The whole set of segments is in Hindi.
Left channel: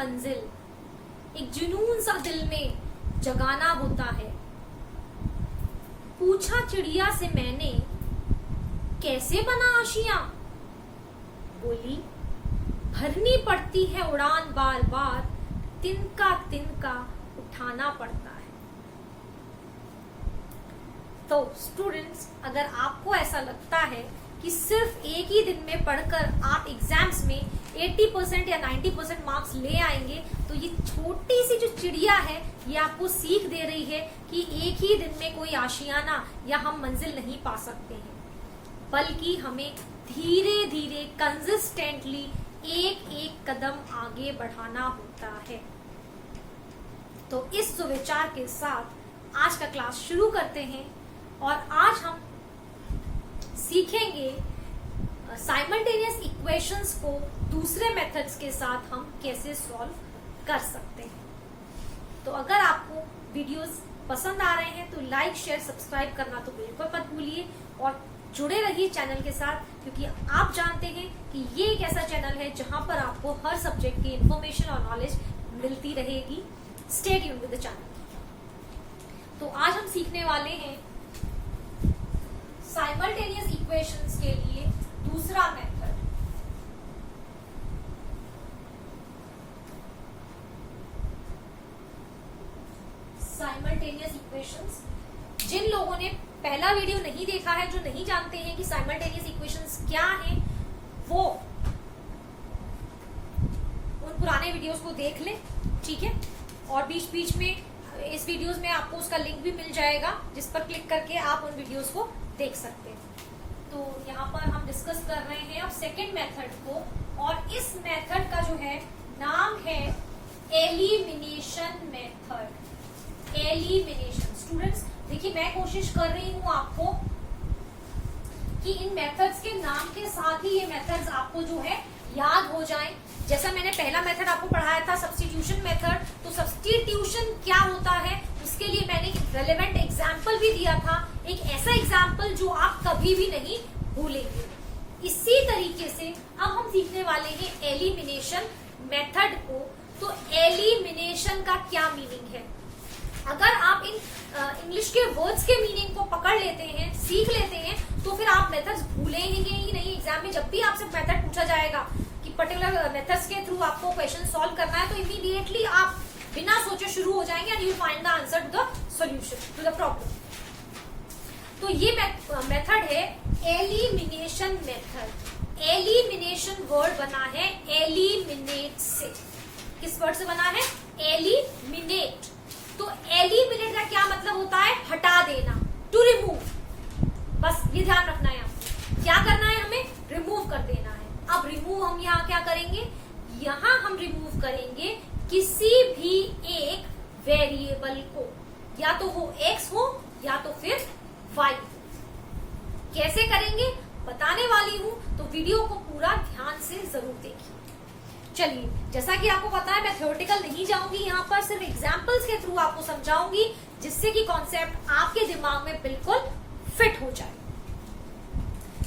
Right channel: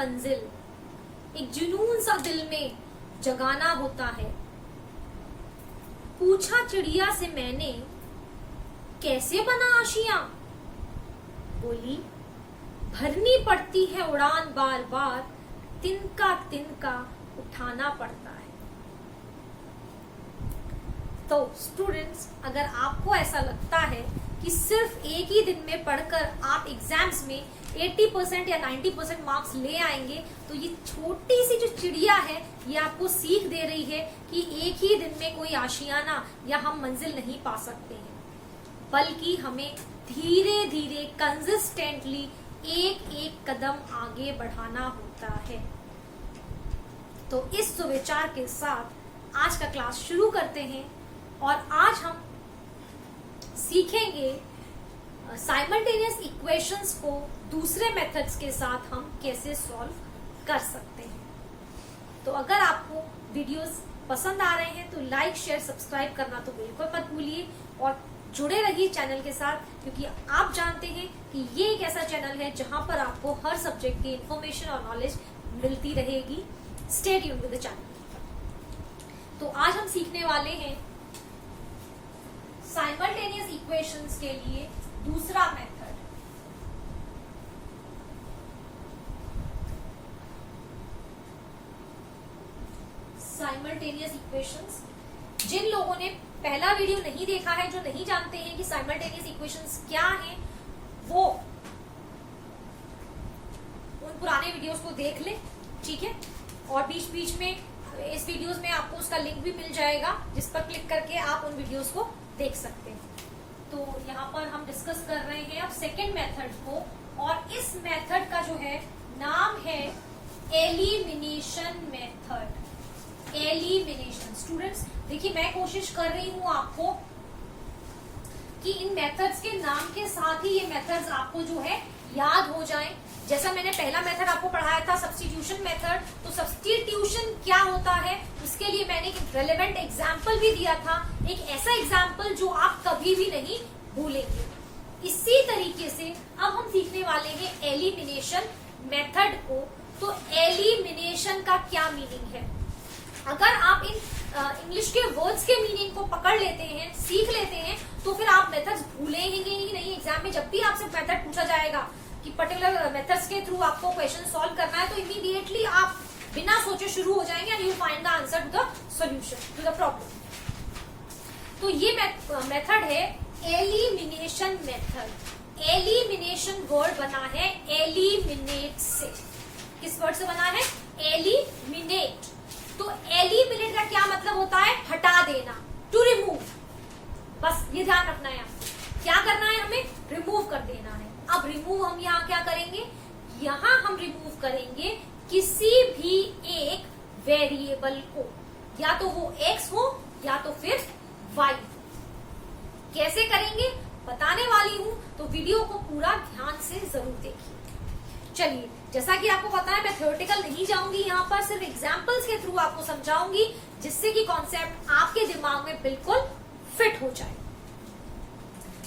मंजिल, एक जुनून सा दिल में जगाना होता है। पूछा चिड़िया से मैंने, कैसे बना आशियां? बोली, भरनी पड़ती है उड़ान बार बार, तिनका तिनका उठाना पड़ता है। तो स्टूडेंट्स, अगर आपको ऐसा लगता है कि सिर्फ एक ही दिन में पढ़कर आप एग्जाम्स में 80% या 90% मार्क्स ले आएंगे, तो ये छोटी सी जो चिड़िया है ये आपको सीख दे रही है कि एक ही दिन में कोई आशियाना या हम मंजिल नहीं पा सकते हैं, बल्कि हमें धीरे धीरे कंसिस्टेंटली एक एक कदम आगे बढ़ाना होता है। तो इस सुविचार के साथ आज का क्लास शुरू करते हैं और आज हम सीखेंगे साइमल्टेनियस इक्वेशंस को दूसरे मेथड्स के साथ हम कैसे सॉल्व कर सकते हैं। तो अगर आपको वीडियोस पसंद आ रहे हैं तो लाइक, शेयर, सब्सक्राइब करना तो बिल्कुल मत भूलिए और जुड़े रहिए चैनल के साथ, क्योंकि आप जानते हैं कि ये एक ऐसा चैनल है जहां पर आपको हर सब्जेक्ट की इंफॉर्मेशन और नॉलेज मिलती रहेगी। Stay tuned with the channel. तो आज हम सीखने वाले हैं साइमल्टेनियस इक्वेशंस के लिए दूसरा मेथड। साइमल्टेनियस इक्वेशंस, जिन लोगों ने पहला वीडियो नहीं देखा है, जो नहीं जानते हैं कि साइमल्टेनियस इक्वेशंस क्या हैं, वो उन पुराने वीडियोस को देख लें, ठीक है। और बीच बीच में इस वीडियोस में आपको उसका लिंक भी मिल जाएगा, जिस पर क्लिक करके आप उन वीडियोस को देख सकते हैं। तो यहाँ पर हम डिस्कस कर रहे हैं अब सेकेंड मेथड को, और इस मेथड का जो है नाम है एलिमिनेशन मेथड। एलिमिनेशन। स्टूडेंट्स देखिए, मैं कोशिश कर रही हूँ आपको कि इन मेथड्स के नाम के साथ ही ये मेथड्स आपको जो है याद हो जाएं। जैसा मैंने पहला मेथड आपको पढ़ाया था सब्स्टिट्यूशन मेथड, तो सब्स्टिट्यूशन क्या होता है उसके लिए मैंने एक रेलेवेंट एग्जाम्पल भी दिया था, एक ऐसा एग्जाम्पल जो आप कभी भी नहीं भूलेंगे। इसी तरीके से अब हम सीखने वाले हैं एलिमिनेशन मेथड को। तो एलिमिनेशन का क्या मीनिंग है? अगर आप इन इंग्लिश के वर्ड्स के मीनिंग को पकड़ लेते हैं, सीख लेते हैं, तो फिर आप मेथड्स भूलेंगे ही नहीं। एग्जाम में जब भी आपसे मेथड पूछा जाएगा कि पर्टिकुलर मेथड्स के थ्रू आपको क्वेश्चन सॉल्व करना है, तो इमीडिएटली आप बिना सोचे शुरू हो जाएंगे and you find the answer to the solution to the problem. तो ये मेथड है एलिमिनेशन मेथड। एलिमिनेशन वर्ड बना है एलिमिनेट से। किस वर्ड से बना है? एलिमिनेट। तो एलिमिनेट का क्या मतलब होता है? हटा देना, टू रिमूव। बस ये ध्यान रखना है आपको, क्या करना है, हमें रिमूव कर देना है। अब रिमूव हम यहाँ क्या करेंगे? यहाँ हम रिमूव करेंगे किसी भी एक वेरिएबल को, या तो वो x हो या तो फिर y। कैसे करेंगे बताने वाली हूँ, तो वीडियो को पूरा ध्यान से जरूर देखिए। चलिए, जैसा कि आपको पता है मैं थ्योरेटिकल नहीं जाऊंगी, यहाँ पर सिर्फ एग्जाम्पल्स के थ्रू आपको समझाऊंगी, जिससे कि कॉन्सेप्ट आपके दिमाग में बिल्कुल फिट हो जाए।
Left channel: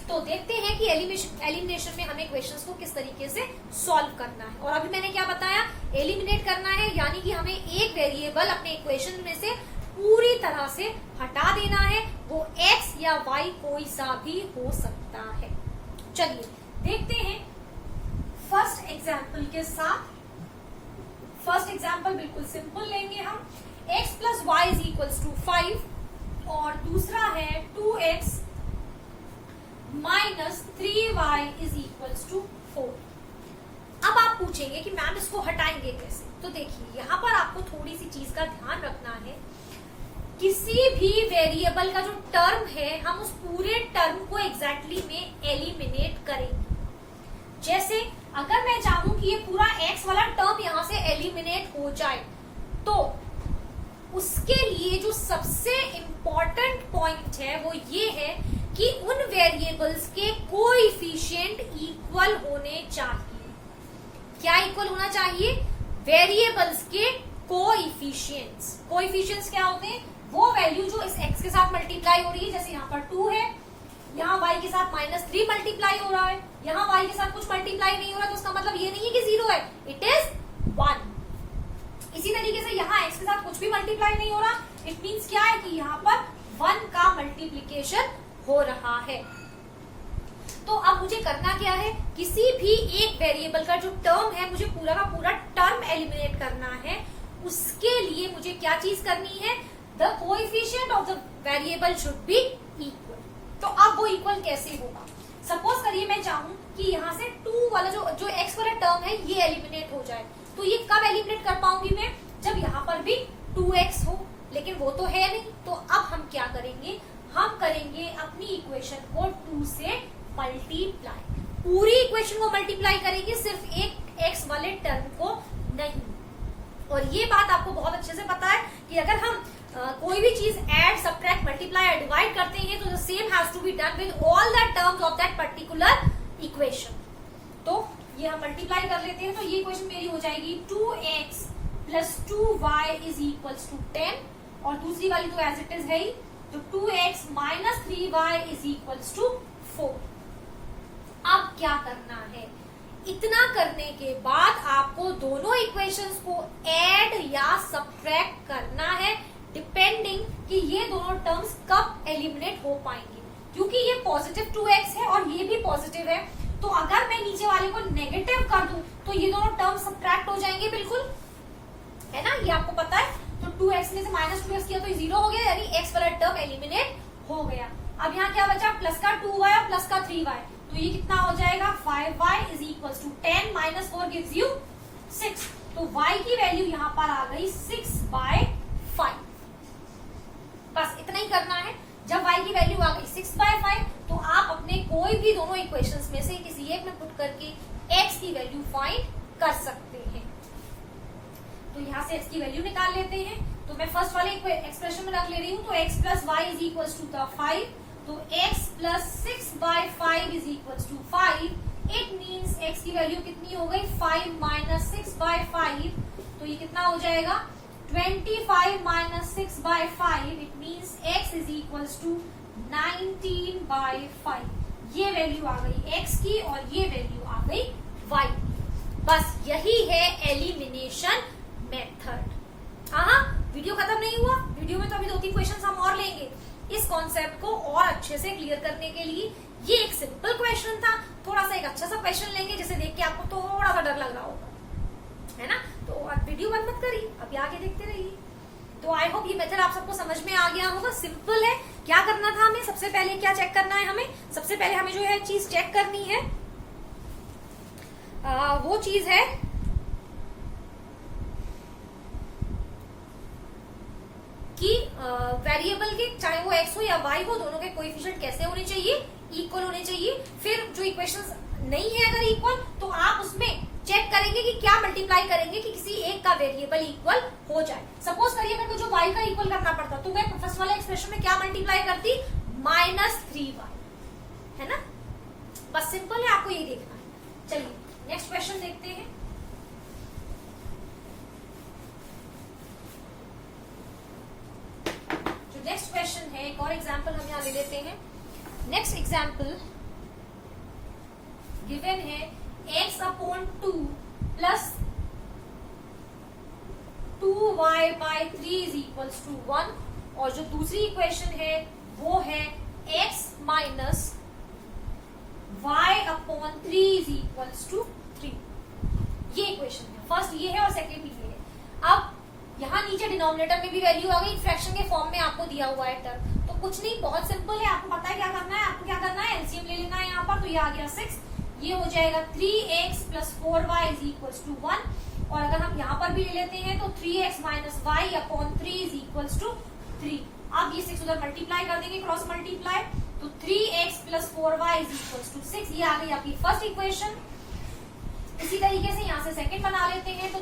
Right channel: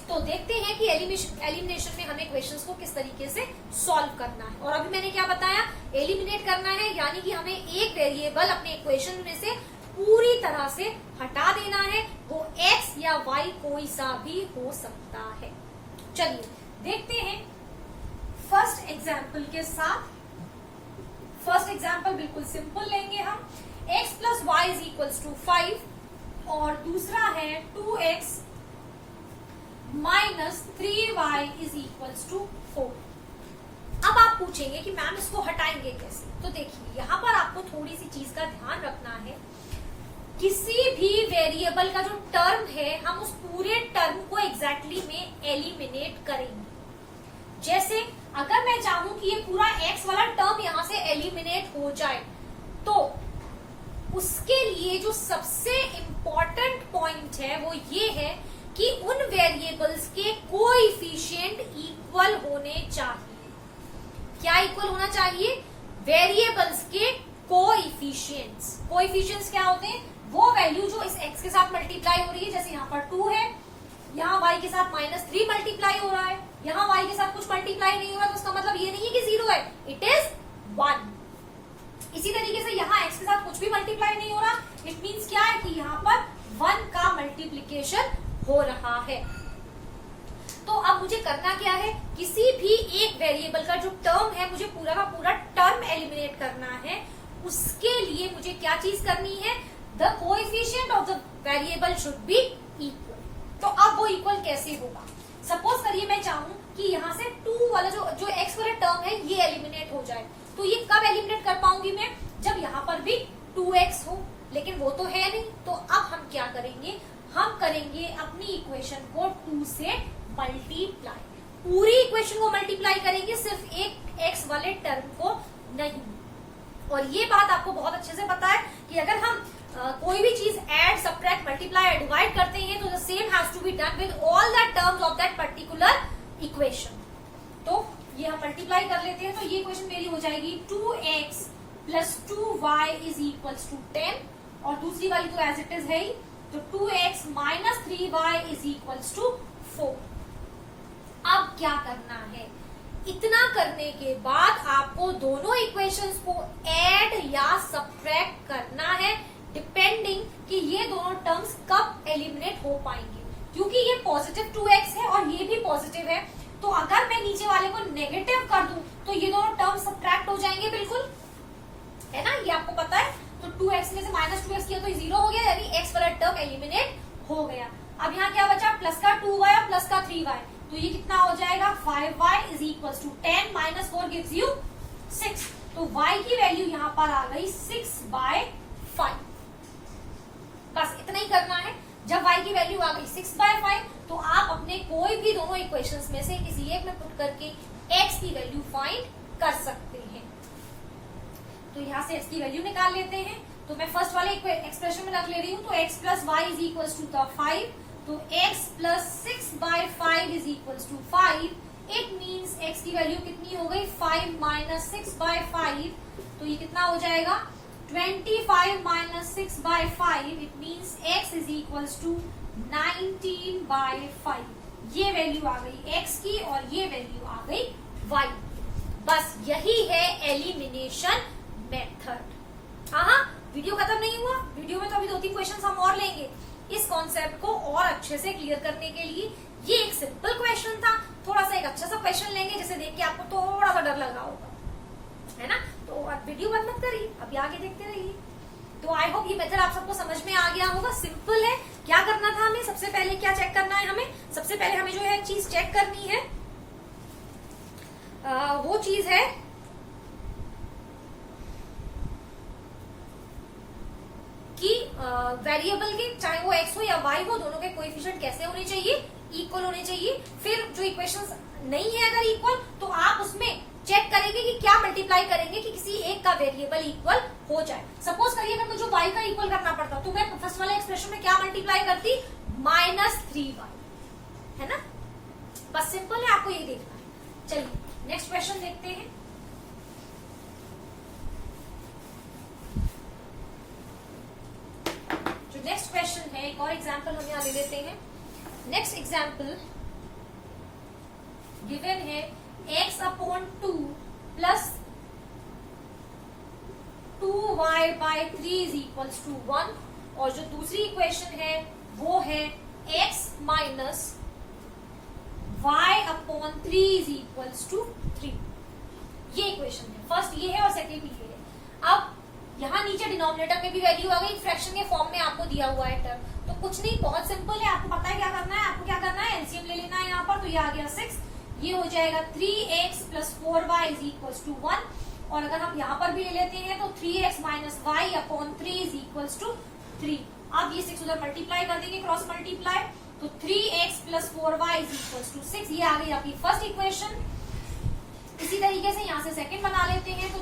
तो देखते हैं कि एलिमिनेशन में हमें क्वेश्चंस को किस तरीके से सॉल्व करना है। और अभी मैंने क्या बताया? एलिमिनेट करना है, यानी कि हमें एक वेरिएबल अपने इक्वेशन में से पूरी तरह से हटा देना है। वो x या y कोई सा भी हो सकता है। चलिए देखते हैं फर्स्ट एग्जाम्पल के साथ। फर्स्ट एग्जाम्पल बिल्कुल सिंपल लेंगे हम। x plus y is equals to 5 और दूसरा है 2x minus 3y is equals to 4। अब आप पूछेंगे कि मैम इसको हटाएंगे कैसे? तो देखिए, यहाँ पर आपको थोड़ी सी चीज का ध्यान रखना है। किसी भी वेरिएबल का जो टर्म है, हम उस पूरे टर्म को एग्जैक्टली में एलिमिनेट करेंगे। जैसे अगर मैं चाहूं कि ये पूरा x वाला टर्म यहाँ से एलिमिनेट हो जाए, तो उसके लिए जो सबसे इम्पोर्टेंट पॉइंट है वो ये है कि उन वेरिएबल्स के कोएफिशिएंट इक्वल होने चाहिए। क्या इक्वल होना चाहिए? वेरिएबल्स के कोएफिशिएंट्स। कोएफिशिएंट्स क्या होते हैं? वो वैल्यू जो इस x के साथ मल्टीप्लाई हो रही है, जैसे यहाँ पर 2 है, यहाँ y के साथ -3 मल्टीप्लाई हो रहा है, यहाँ y के साथ कुछ मल्टीप्लाई नहीं हो रहा है, तो उसका मतलब ये नहीं है कि 0 है, इट इज 1। मल्टीप्लाई नहीं हो रहा, इट मीन्स क्या है कि यहाँ पर 1 का मल्टीप्लीकेशन हो रहा है। तो अब मुझे करना क्या है, किसी भी एक वेरिएबल का जो टर्म है मुझे पूरा का पूरा टर्म एलिमिनेट करना है। उसके लिए मुझे क्या चीज करनी है, the coefficient of the variable should be equal. तो अब वो इक्वल कैसे होगा, सपोज करिए मैं चाहूं कि यहाँ से 2 वाला जो x वाला टर्म है ये एलिमिनेट हो जाए, तो ये कब एलिमिनेट कर पाऊंगी मैं, जब यहाँ पर भी 2x हो, लेकिन वो तो है नहीं। तो अब हम क्या करेंगे, हम करेंगे अपनी इक्वेशन को 2 से मल्टीप्लाई, पूरी इक्वेशन को मल्टीप्लाई करेंगे, सिर्फ एक x वाले टर्म को नहीं। और ये बात आपको बहुत अच्छे से पता है कि अगर हम कोई भी चीज ऐड, सब्ट्रैक्ट, मल्टीप्लाई या डिवाइड करते हैं तो the same has to be done with all the terms of that particular equation. तो ये हम मल्टीप्लाई कर लेते हैं, तो ये इक्वेशन मेरी हो जाएगी 2x plus 2y is equals to 10, और दूसरी वाली तो एज इट इज है ही, तो 2x minus 3y is equals to 4। अब क्या करना है, इतना करने के बाद आपको दोनों इक्वेशंस को ऐड या सब्ट्रैक्ट करना है, डिपेंडिंग कि ये दोनों टर्म्स कब एलिमिनेट हो पाएंगे। क्योंकि ये पॉजिटिव 2x है और ये भी पॉजिटिव है, तो अगर मैं नीचे वाले को नेगेटिव कर दूं तो ये दोनों टर्म्स सब्ट्रैक्ट हो जाएंगे, बिल्कुल है ना, ये आपको पता है। तो 2x में से माइनस 2x किया तो 0 हो गया, यानी x वाला टर्म एलिमिनेट हो गया। अब यहाँ क्या बचा, प्लस का 2y और प्लस का 3y, तो ये कितना हो जाएगा 5y is equal to 10 minus 4 gives you 6। तो y की वैल्यू यहाँ पर आ गई 6/5। बस इतना ही करना है। जब y की वैल्यू आ गई 6/5 तो आप अपने कोई भी दोनों इक्वेशंस में से किसी एक में पुट करके x की वैल्यू फाइंड कर सकते हैं। तो यहाँ से x की वैल्यू निकाल लेते हैं। तो मैं फर्स्ट वाले एक्सप्रेशन में रख ले रही हूँ, तो x plus y is equal to 5, तो x plus 6/5 is equal to 5। It means x की वैल्यू कितनी हो गई 5 माइनस 6/5, तो ये कितना हो जाएगा 25 minus 6/5। It means x is equal to 19/5। ये वैल्यू आ गई x की और ये वैल्यू आ गई y। बस यही है एलिमिनेशन मेथड। हाँ, वीडियो खत्म नहीं हुआ, वीडियो में तो अभी 2-3 क्वेश्चन हम और लेंगे। इस कॉन्सेप्ट को और अच्छे से क्लियर करने के लिए ये एक सिंपल क्वेश्चन था, थोड़ा सा एक अच्छा सा क्वेश्चन लेंगे जिसे देख के आपको थोड़ा सा डर लग रहा होगा, है ना। तो अब वीडियो बंद मत करिए, अभी आगे देखते रहिए। तो आई होप ये मेथड आप सबको समझ में आ गया होगा। सिंपल है। क्या करना था हमें, सबसे पहले क्या चेक करना है हमें, सबसे पहले हमें जो है चीज चेक करनी है, वो चीज है कि वेरिएबल के चाहे वो x हो या y हो, दोनों के कोएफिशिएंट कैसे होने चाहिए, इक्वल होने चाहिए। फिर जो इक्वेशंस नहीं है अगर इक्वल, तो आप उसमें चेक करेंगे कि क्या मल्टीप्लाई करेंगे कि किसी एक का वेरिएबल इक्वल हो जाए। सपोज करिए मेरे को जो y का इक्वल करना पड़ता, तो मैं फर्स्ट वाले एक्सप्रेशन में क्या मल्टीप्लाई करती, -3y, है ना। बस सिंपल है, आपको ये देखना है। चलिए नेक्स्ट क्वेश्चन देखते हैं। नेक्स्ट क्वेश्चन है, एक और एग्जाम्पल हम यहाँ ले लेते हैं। नेक्स्ट एग्जाम्पल गिवन है x/2 plus 2y/3 is equals to 1, और जो दूसरी इक्वेशन है वो है x minus y/3 is equals to 3। ये इक्वेशन है, फर्स्ट ये है और सेकेंड ये है। अब यहाँ नीचे डिनोमिनेटर में भी वैल्यू आ गई, फ्रैक्शन के फॉर्म में आपको दिया हुआ है टर्म, तो कुछ नहीं, बहुत सिंपल है। आपको पता है क्या करना है, आपको क्या करना है, एलसीएम ले लेना है यहाँ पर। तो ये आ गया 6, ये हो जाएगा 3x plus 4y is equal to 1, और अगर हम यहाँ पर भी ले लेते हैं तो 3x minus y/3 is equal to 3। अब ये 6 उधर मल्टीप्लाई कर देंगे, क्रॉस मल्टीप्लाई, तो 3x plus 4y is equal to 6। ये आ गई आपकी फर्स्ट इक्वेशन। इसी तरीके से यहाँ से सेकेंड बना लेते हैं, तो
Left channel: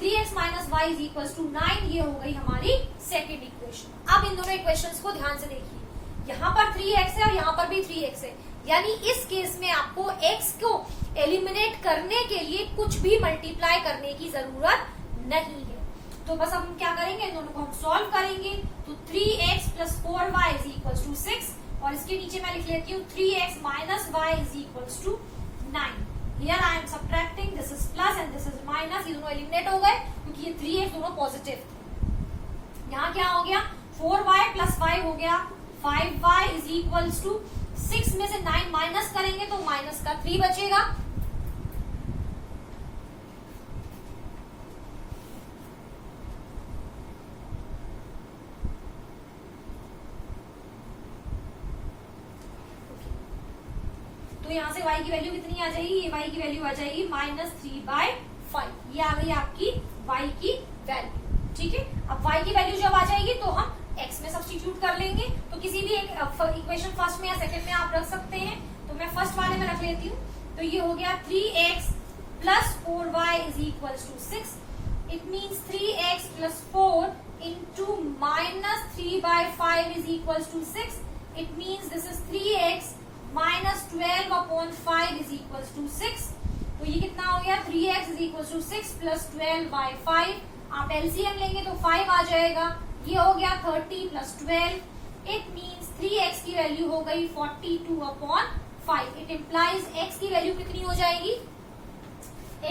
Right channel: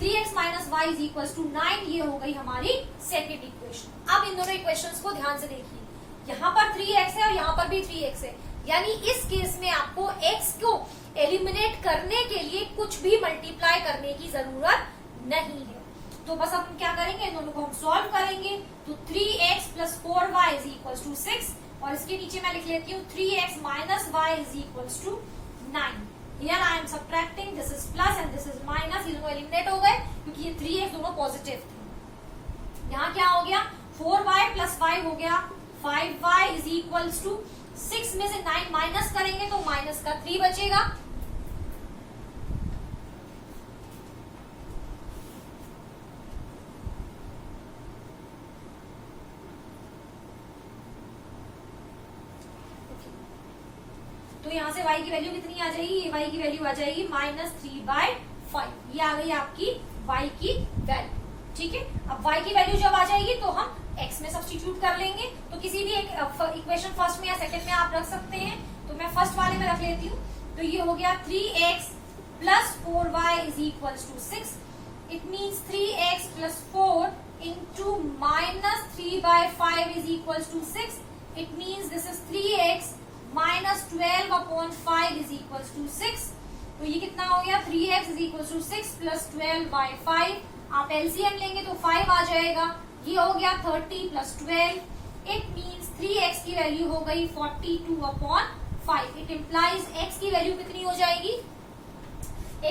3x minus y is equal to 9, ये हो गई हमारी सेकेंड इक्वेशन। अब इन दोनों इक्वेशंस को ध्यान से देखिए, यहाँ पर 3x है और यहाँ पर भी 3x है, यानी इस केस में आपको x को एलिमिनेट करने के लिए कुछ भी मल्टीप्लाई करने की जरूरत नहीं है। तो बस हम क्या करेंगे, इन दोनों को हम सॉल्व करेंगे। तो 3x plus 4y is equal to 6, और इसके नीचे मैं लिख लेती हूँ 3x minus y is equal to 9। Here I am subtracting, this is plus and this is minus, ये दोनों एलिमिनेट हो गए क्योंकि ये 3x दोनों पॉजिटिव थे। यहाँ क्या हो गया 4y प्लस 5 हो गया 5y इज इक्वल्स टू 6 में से 9 माइनस करेंगे तो माइनस का 3 बचेगा। तो यहां से y की वैल्यू कितनी आ जाएगी, ये y की वैल्यू आ जाएगी -3/5। ये आ गई आपकी y की वैल्यू। ठीक है, अब y की वैल्यू जब आ जाएगी तो हम x में सब्स्टिट्यूट कर लेंगे। तो किसी भी एक इक्वेशन फर्स्ट में या सेकंड में आप रख सकते हैं। तो मैं फर्स्ट वाले में रख लेती हूँ। तो ये हो गया 3x plus 4y is equal to 6। It means 3x plus 4 into -3/5 is equal to 6। It means this is 3x -12/5 is equal to 6। तो ये कितना हो गया 3x is equal to 6 plus 12/5। आप एलसीएम लेंगे तो 5 आ जाएगा। ये हो गया 30 प्लस 12। इट मीन्स 3x की वैल्यू हो गई 42/5। इट इम्प्लाइज x की वैल्यू कितनी हो जाएगी,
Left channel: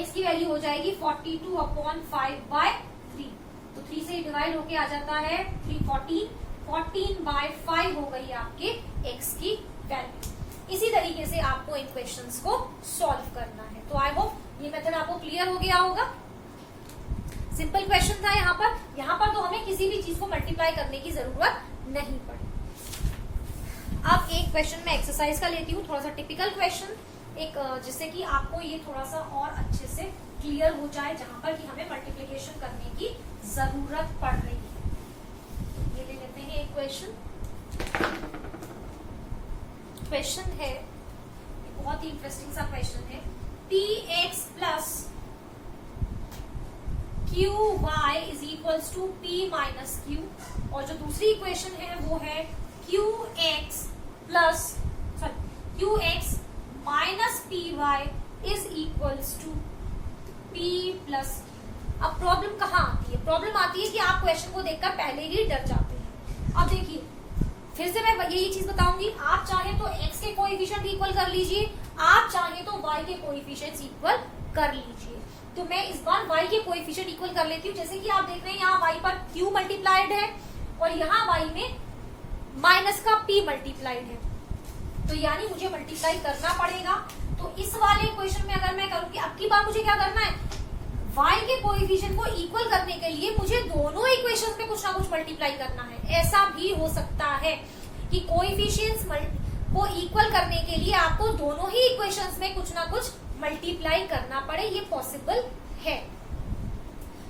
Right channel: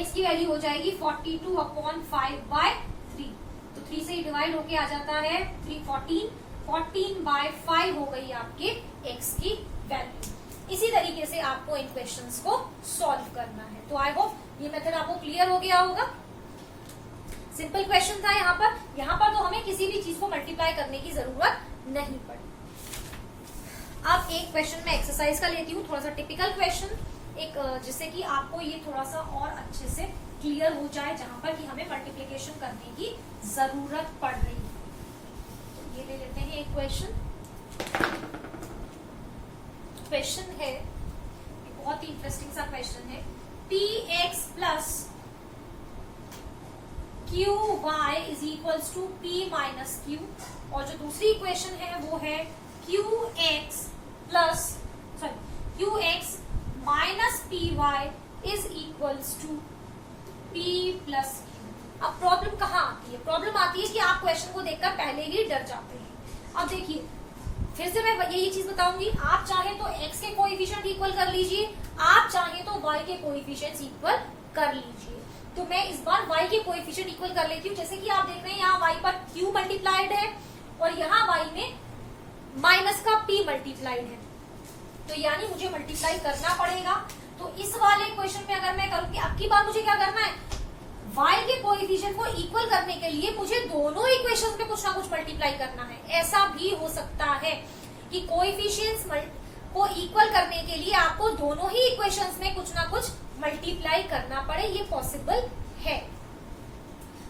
x की वैल्यू हो जाएगी 42/5/3। तो 3 से डिवाइड होके आ जाता है 14/5 हो गई आपके x की वैल्यू। इसी तरीके से आपको इन क्वेश्चंस को सॉल्व करना है। तो आई होप ये मेथड आपको क्लियर हो गया होगा। सिंपल क्वेश्चन था यहाँ पर तो हमें किसी भी चीज को मल्टीप्लाई करने की जरूरत नहीं पड़ी। अब एक क्वेश्चन में एक्सरसाइज का लेती हूँ, थोड़ा सा टिपिकल क्वेश्चन, एक जिससे कि आपको ये थोड़ा सा और अच्छे से क्लियर हो जाए, जहां पर कि हमें मल्टीप्लिकेशन करने की जरूरत पड़ रही है। तो ये ले लेते हैं एक क्वेश्चन है, एक बहुत ही इंटरेस्टिंग सा क्वेश्चन है। px plus qy is equals to p minus q, और जो दूसरी इक्वेशन है वो है qx minus py is equals to p plus q। अब प्रॉब्लम कहाँ आती है, प्रॉब्लम आती है कि आप क्वेश्चन को देखकर पहले ही डर जाते हैं। अब देखिए फिर से मैं यही चीज बताऊंगी, आप चाहे तो x के कोएफिशिएंट इक्वल कर लीजिए, आप चाहे तो y के कोएफिशिएंट्स इक्वल कर लीजिए। तो मैं इस बार y के कोएफिशिएंट इक्वल कर लेती हूँ। जैसे कि आप देख रहे हैं यहाँ y पर q मल्टीप्लाइड है और यहाँ y में माइनस का p मल्टीप्लाइड है, तो यानी मुझे मल्टीप्लाई करना पड़ेगा। तो इस वाले इक्वेशन में अगर मैं करूँ कि अब की बार मुझे क्या करना है, y के कोएफिशिएंट को इक्वल करने के लिए मुझे दोनों इक्वेशंस पे कुछ ना कुछ मल्टीप्लाई करना है। ऐसा भी हो सकता है कि कोएफिशिएंट्स को इक्वल करने के लिए आपको दोनों ही इक्वेशंस में कुछ ना कुछ मल्टीप्लाई करना पड़े, ये पॉसिबल है।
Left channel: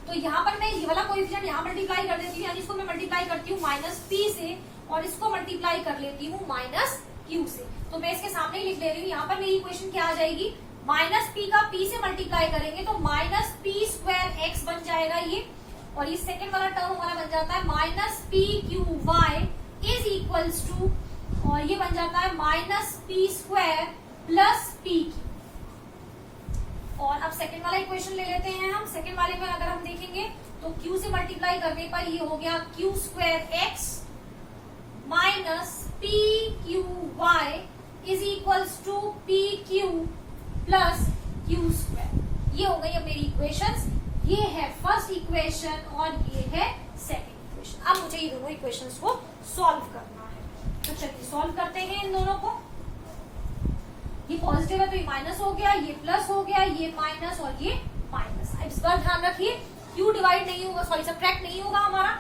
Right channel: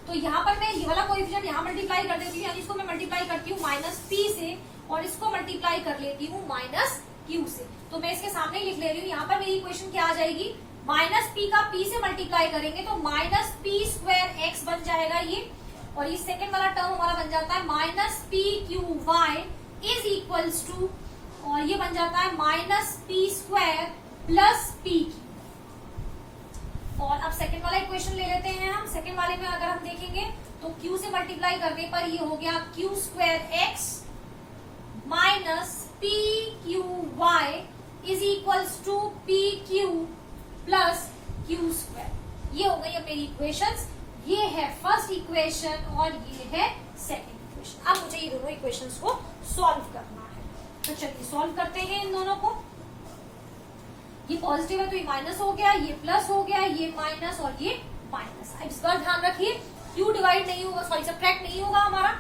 तो यहाँ पर मैं ये वाला कोएफिशिएंट यहाँ मल्टीप्लाई कर देती हूँ, यानी इसको मैं मल्टीप्लाई करती हूँ -p से, और इसको मल्टीप्लाई कर लेती हूँ -q से। तो मैं इसके सामने ही लिख ले रही हूँ। यहाँ पर मेरी इक्वेशन क्या आ जाएगी, -p का p से मल्टीप्लाई करेंगे तो -p² x बन जाएगा ये, और ये सेकंड वाला टर्म हमारा बन जाता है -pqy इज इक्वल्स टू, और ये बन जाता है -p² प्लस pq। और अब सेकंड वाला इक्वेशन ले लेते हैं हम। सेकंड वाले में अगर हम देखेंगे तो q से मल्टीप्लाई करने पर ये हो गया q² x minus pqy is equals to pq plus q²। ये हो गई है मेरी इक्वेशंस। ये है फर्स्ट इक्वेशन और ये है सेकंड इक्वेशन। अब मुझे ये दोनों इक्वेशंस को सॉल्व करना है, तो चलिए सॉल्व करते हैं इन दोनों को। ये पॉजिटिव है तो ये माइनस हो गया, ये प्लस हो गया, ये माइनस और ये माइनस। अब इस बार ध्यान रखिए क्यू डिवाइड नहीं होगा, सॉरी सब्ट्रैक्ट नहीं होगा हमारा,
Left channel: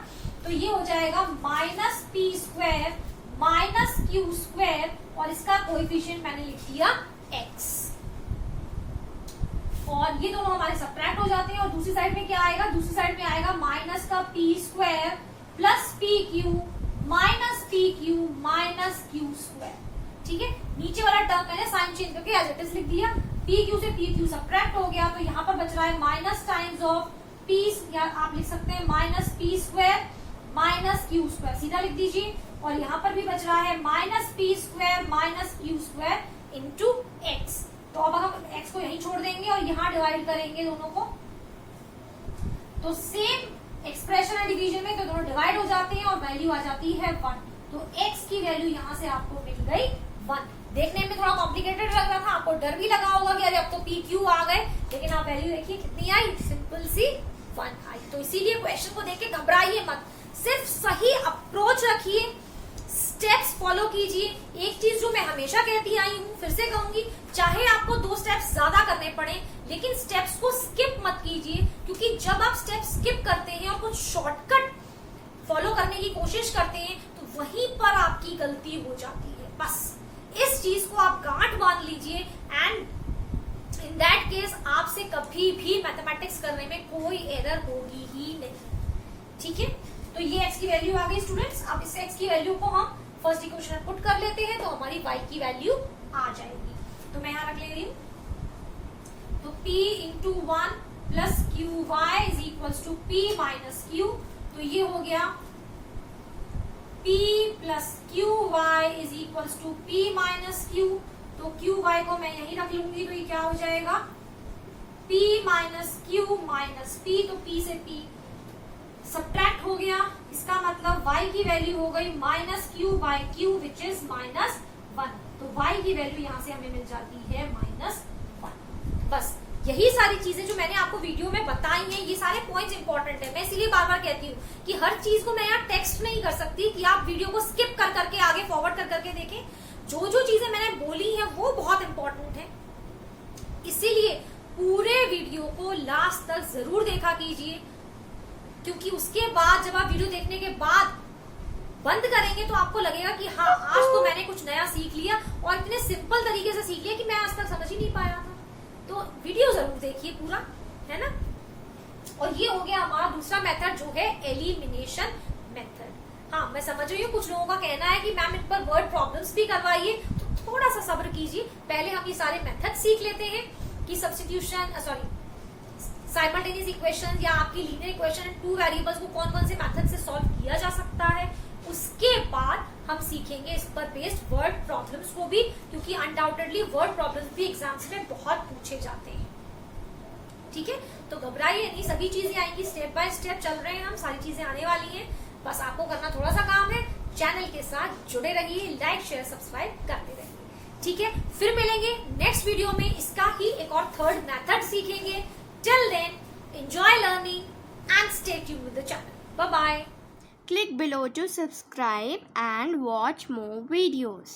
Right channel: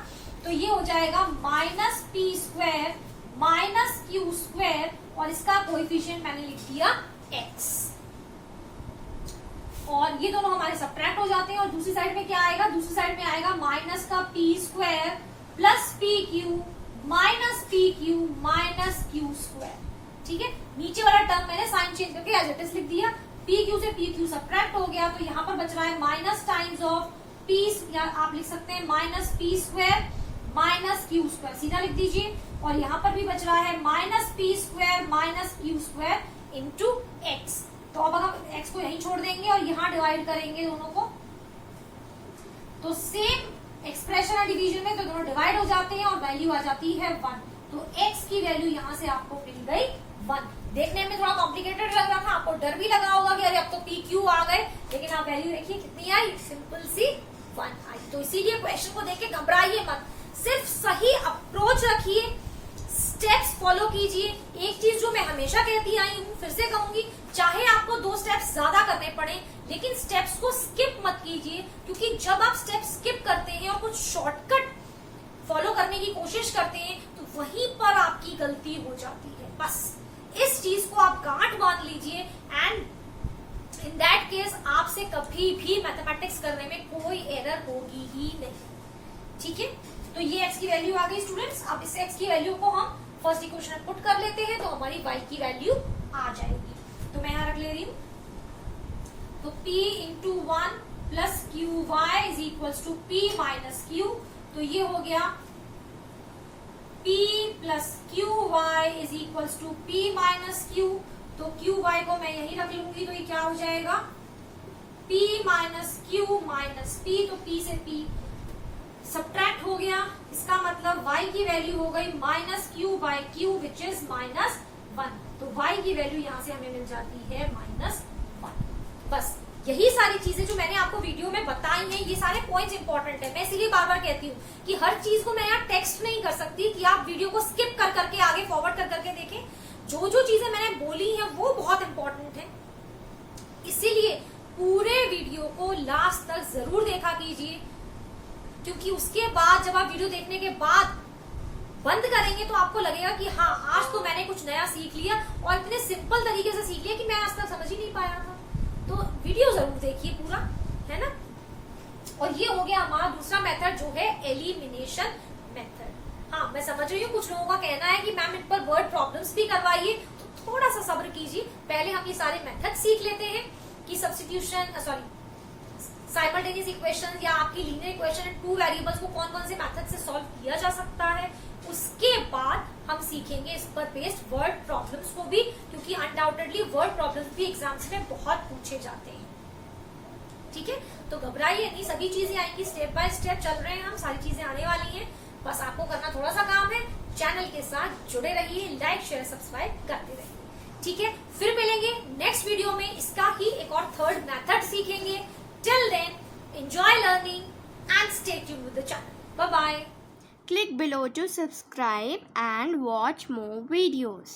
तो ये हो जाएगा -p² माइनस q², और इसका कोएफिशिएंट मैंने लिख दिया x, और ये दोनों हमारे सब्ट्रैक्ट हो जाते हैं। और दूसरी साइड में क्या आएगा, दूसरी साइड में आएगा माइनस का p² plus pq minus pq minus q²। ठीक है, नीचे वाला टर्म मैंने साइन चेंज करके एज इट इज लिख दिया। pq से pq सब्ट्रैक्ट हो गया, तो यहाँ पर बच रहा है माइनस टाइम्स ऑफ p, या आप लिख सकते हैं -p² माइनस q², सीधा लिख दीजिए। और यहाँ पर भी बच रहा है -p² minus q² into x। तो अब हम x को यहीं छोड़ देंगे और यहाँ डिवाइड करेंगे दोनों को, तो सेम एक्सप्रेशन है डिवीजन में, तो दोनों डिवाइड हो जाते हैं और वैल्यू आ जाती है 1। तो x की वैल्यू यहाँ से आपको मिल गई 1। देखने में थोड़ा कॉम्प्लिकेटेड लग रहा था, आपको डर भी लगा होगा कि अरे अब तो pq आ गए, लेकिन आप वैल्यू देखिए कितनी आई, सिंपल सी 1 आई। तो इसीलिए क्वेश्चन को देख के घबराइए मत, सिर्फ सही अप्रोच रखिए, स्टेप्स फॉलो कीजिए। एक चीज जो मैं हमेशा कहती आई हूँ, फिर से कहूंगी, चाहे आपको 2 स्टेप्स ज्यादा करने पड़े, लेकिन स्टेप्स को स्किप मत कीजिए, क्योंकि जब आप स्टेप्स स्किप करते हैं और कुछ शॉर्टकट फॉलो करने की कोशिश करते हैं तो वहीं पर आपकी गलती हो जाती है। बस इस चीज को आप गांठ बांध लीजिए एंड इन दैट केस आपसे कभी भी मैथमेटिक्स करने में कोई एरर होगी ही नहीं। ठीक है, तो ये x की वैल्यू आ गई स्टूडेंट्स। अब इस x की वैल्यू को हम फर्स्ट इक्वेशन में पुट कर लेते हैं तो हमारी y की वैल्यू आ जाएगी। तो मैं यहां रख ले रही हूं, तो p into 1 plus q y is equal to p minus q. तो ये हो गया p plus q y is equal to p minus q. तो क्यू वाई को मैं यही रख लूंगी, तो ये क्या हो जाएगा p minus Q minus p। तो p से p सब्ट्रैक्ट हो गया, इसका मतलब y की वैल्यू हो गई minus Q by Q which is minus 1। तो y की वैल्यू यहां से हमें मिल जाती है -1। बस यही सारी चीजें जो मैंने आपको वीडियो में बताई हैं, ये सारे पॉइंट्स इंपॉर्टेंट है। मैं इसीलिए बार बार कहती हूँ कि हर चीज को मैं यहाँ टेक्स्ट नहीं कर सकती कि आप वीडियो को स्किप कर करके आगे फॉरवर्ड कर करके देखें। जो जो चीजें मैंने बोली हैं वो बहुत इंपॉर्टेंट है, इसीलिए पूरे वीडियो को लास्ट तक जरूर देखा कीजिए, क्योंकि उसके बाद जब आप वीडियो देखने के बाद बंद करेंगे तो आपको लगेगा कि हाँ आज तो मैंने कुछ नया सीख लिया और इतने सिंपल तरीके से सीख लिया कि मैं आज तक समझ ही नहीं पाया था। तो वीडियो जरूर देखिए पूरा, है ना। और ये हो गया हमारा दूसरा मेथड जो है एलिमिनेशन मेथड। हाँ मैं समझ रही हूँ कुछ लोगों का कहना है कि मैम इन पर वर्ड प्रॉब्लम्स भी करवाइए, तो थोड़ा सा सब्र कीजिए, पहले हम ये सारे मेथड सीख लेते हैं कि सब्स्टिट्यूशन साइमल्टेनियस इक्वेशन या आपकी लीनियर इक्वेशन टू वेरिएबल्स को कौन कौन से मेथड से सॉल्व किया जा सकता है। उसके बाद हम सीखेंगे इस पर बेस्ड वर्ड प्रॉब्लम्स को भी, क्योंकि अनडाउटेडली वर्ड प्रॉब्लम्स भी एग्जाम्स में बहुत पूछे जाते हैं। ठीक है, तो घबराइए नहीं, सभी चीजें आएंगी, स्टेप बाय स्टेप चल रहे हैं हम, सारी चीजें आने वाली हैं। बस आपको करना थोड़ा सा काम है, चैनल के साथ जुड़े रहिए, लाइक शेयर सब्सक्राइब करते रहिए। ठीक है, फिर मिलेंगे नेक्स्ट वीडियो में, इसका ही एक और थर्ड मेथड सीखेंगे। Till then, enjoy learning and stay tuned with the channel. Bye-bye. Click below to subscribe and watch more videos.